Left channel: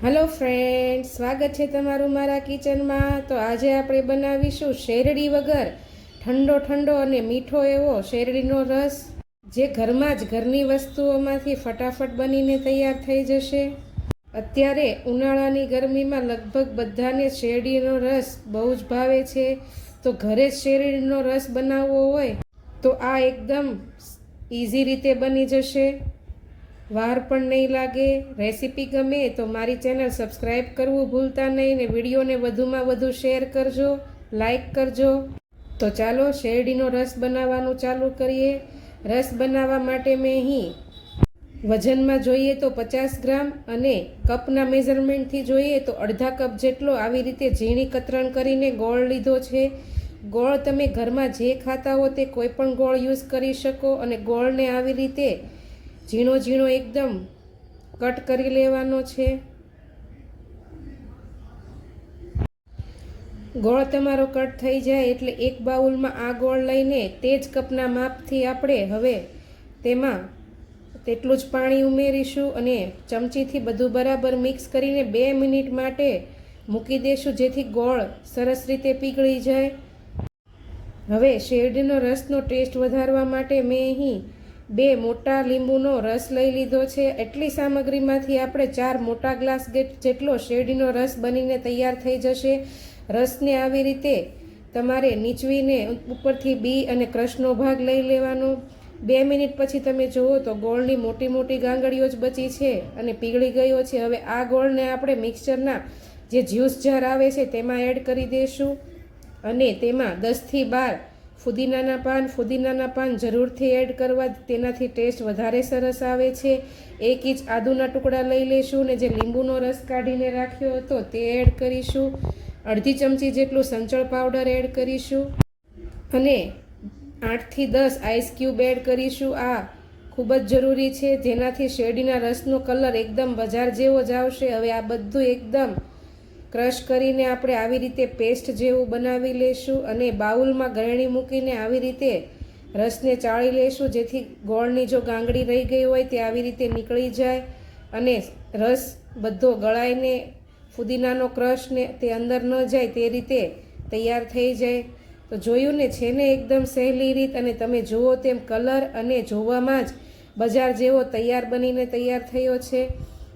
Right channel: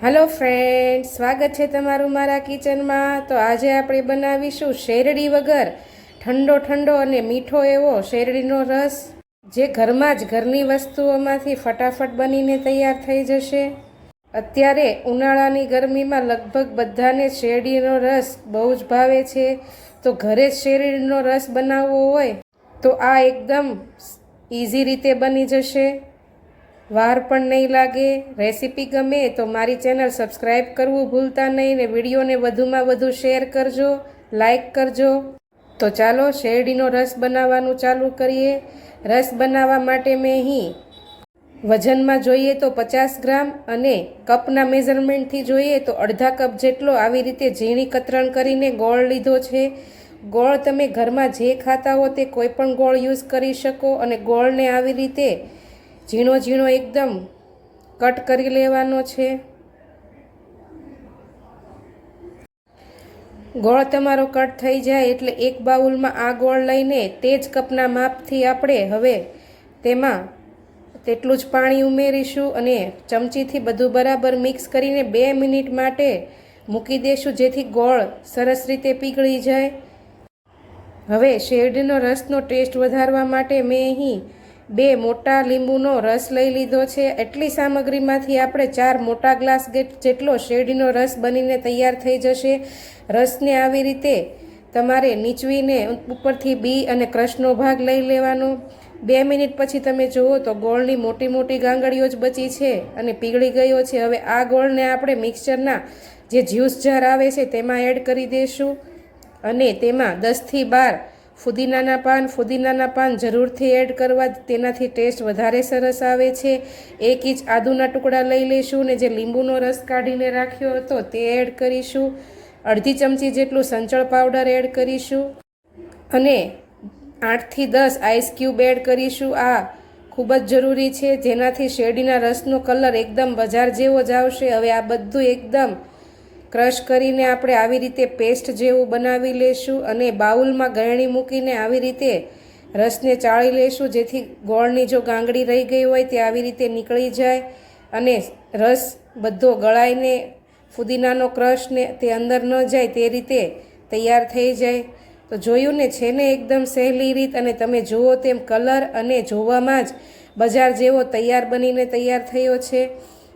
Hello friends, સ્વાગત છે તમારું મારા કિચનમાં। તો આજે આપણે બનાવીશું શેરડી વગર ઠંડો ઠંડો અને મીઠો એવો શેરડીનો રસ, જે ઘરમાં જ ઘરની વસ્તુઓમાંથી ફટાફટ બનીને તૈયાર થઈ જશે। અત્યારે ઉનાળાની ગરમીમાં લગભગ બધાને શેરડીનો રસ બહુ જ ભાવે છે। તો ઘરે જ શેરડીનો રસ બનાવવો હોય તો આ એકદમ ઇઝી રીતે બની જશે, વાર પણ નહીં લાગે। રેસીપી ગમે તો મારી ચેનલ સબસ્ક્રાઈબ કરવું ભૂલતા નહીં ને વિડીયોને વધુમાં વધુ શેર કરજો, લાઈક કરજો। તો ચાલો શેરડીનો રસ બનાવવાનું ચાલુ કરીએ। રસ બનાવવા માટે મેં અહીં વજનમાં જોઈએ તો 50 ગ્રામ અને કપના મેઝરમેન્ટથી જોઈએ તો અડધા કપ જેટલો આવી રીતે ઝીણી કતરણ કરીને ગોળ લીધો છે। ગોળ તમે ઘરમાં જે ખાતા હો તે કોઈ પણ ગોળ યુઝ કરી શકો અને ગોળને આવી રીતે ઝીણો ઝીણો એકદમ કટ કરી લેવાનો છે। ગોળ તમારો કટ થઈ જાય એટલે એક બાઉલમાં આ ગોળ લઈને તે જ કપના માપથી આપણે હવે તેમાં તેટલું જ પાણી ઉમેરીશું અને ચમચીથી બધું બરાબર મિક્સ કરીને 2 મિનિટ માટે મૂકી દઈશું, જેથી ગોળ સરસ રીતે પીગળી જાય। હવે શેરડીનો રસનો ટેસ્ટ વધારવા માટે મેં અહીં 2 મોટા લીંબુનો રસ લઈ લીધો છે। એટલી સામગ્રીમાંથી આપણે 4 મોટા ગ્લાસ જેટલો શેરડીનો રસ બનીને તૈયાર થઈ જશે। રસને આવી રીતે તમારે નીચવીને ઉપરથી બી અને ક્રશનો ભાગ લઈ લેવાનો। 2 મિનિટ પછી તમે જુઓ તો ગોળની મોટી મોટી ગાંગડીઓ જ બચી છે અને પીગળી ગયો છે। હવે આ ગોળને આપણે મિક્સચરના જે જ્યુસ જાર આવે છે તેમાં એડ કરી દઈશું અને તેમાં 10થી 12 ફુદીનાના પાન જરૂરથી એડ કરવા, તેનાથી ટેસ્ટ વધારે સરસ આવે છે। 1 ઇંચ આદુના ટુકડા લઈ લઈશું ને જે લીંબુનો રસ કાઢીને રાખ્યો હતો તે એડ કરીશું। અડધી ચમચી જેટલું સંચળ પાવડર એડ કરીશું અને 8 થી 10 આઈસ ક્યુબ એડ કરીશું। આ ખૂબ જ જરૂરી છે, જેનાથી શેરડીના રસનો કલર એકદમ બજાર જેવો જ આવશે। હવે આ બધું એકદમ ક્રશ કરીને આપણે આવી રીતે પેસ્ટ જેવું બનાવી લેશું અને બાઉલમાં ગળણી મૂકીને આવી રીતે રસને ચાળી લેશું, જેથી ગોળની જો ગાંગડી રહી ગઈ હોય તે આવી રીતે નીકળી જાય અને રસ બધો ગળાઈને ફુદીનાનો ક્રશને તે અંદર ન જાય તે રીતે તૈયાર થઈ જાય। તો જોયું ને, છે ને એકદમ સહેલી રીત, અને તમે જુઓ તેમ કલર અને જોવામાં જ બજાર જેવો તૈયાર બનીને તૈયાર થયો છે।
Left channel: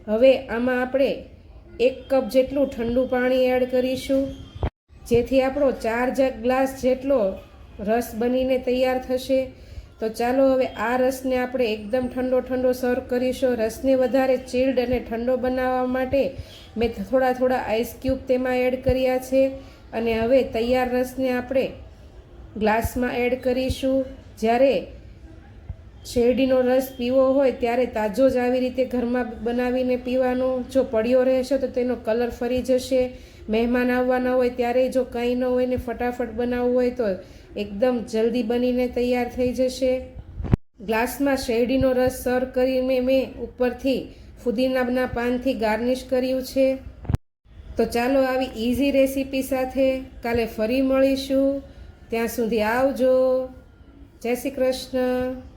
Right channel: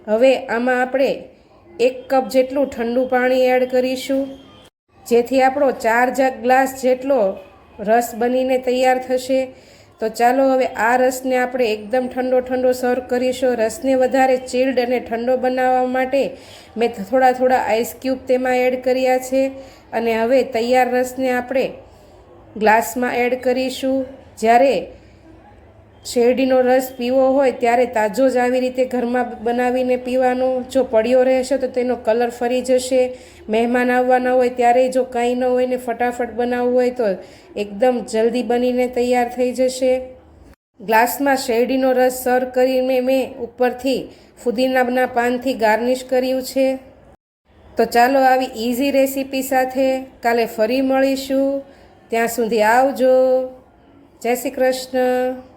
હવે આમાં આપણે 1 કપ જેટલું ઠંડુ પાણી એડ કરીશું, જેથી આપણો 4 ગ્લાસ જેટલો રસ બનીને તૈયાર થશે। તો ચાલો હવે આ રસને આપણે એકદમ ઠંડો સર્વ કરીશું। રસને વધારે ચિલ્ડ અને ઠંડો બનાવવા માટે મેં થોડા આઈસ ક્યુબ તેમાં એડ કર્યા છે અને હવે તૈયાર રસને આપણે ગ્લાસમાં એડ કરીશું। જ્યારે શેરડીનો રસ પીવો હોય ત્યારે તાજો જ આવી રીતે ઘરમાં બનાવીને પીવાનો। જો પડ્યો રહેશે તો તેનો કલર ફરી જશે। મહેમાન આવવાના હોય ત્યારે જો કાંઈ ન હોય ને ફટાફટ બનાવવું હોય તો એકદમ જલ્દી બનીને તૈયાર થઈ જશે। ગ્લાસમાં શેરડીનો રસ સર્વ કરીને મેં ઉપરથી ફુદીનાના પાનથી ગાર્નિશ કર્યું છે। તો ચાલો આવી ઇઝી રેસીપી સાથે કાલે ફરી મળીશું। ત્યાં સુધી આવજો। જય શ્રી કૃષ્ણ।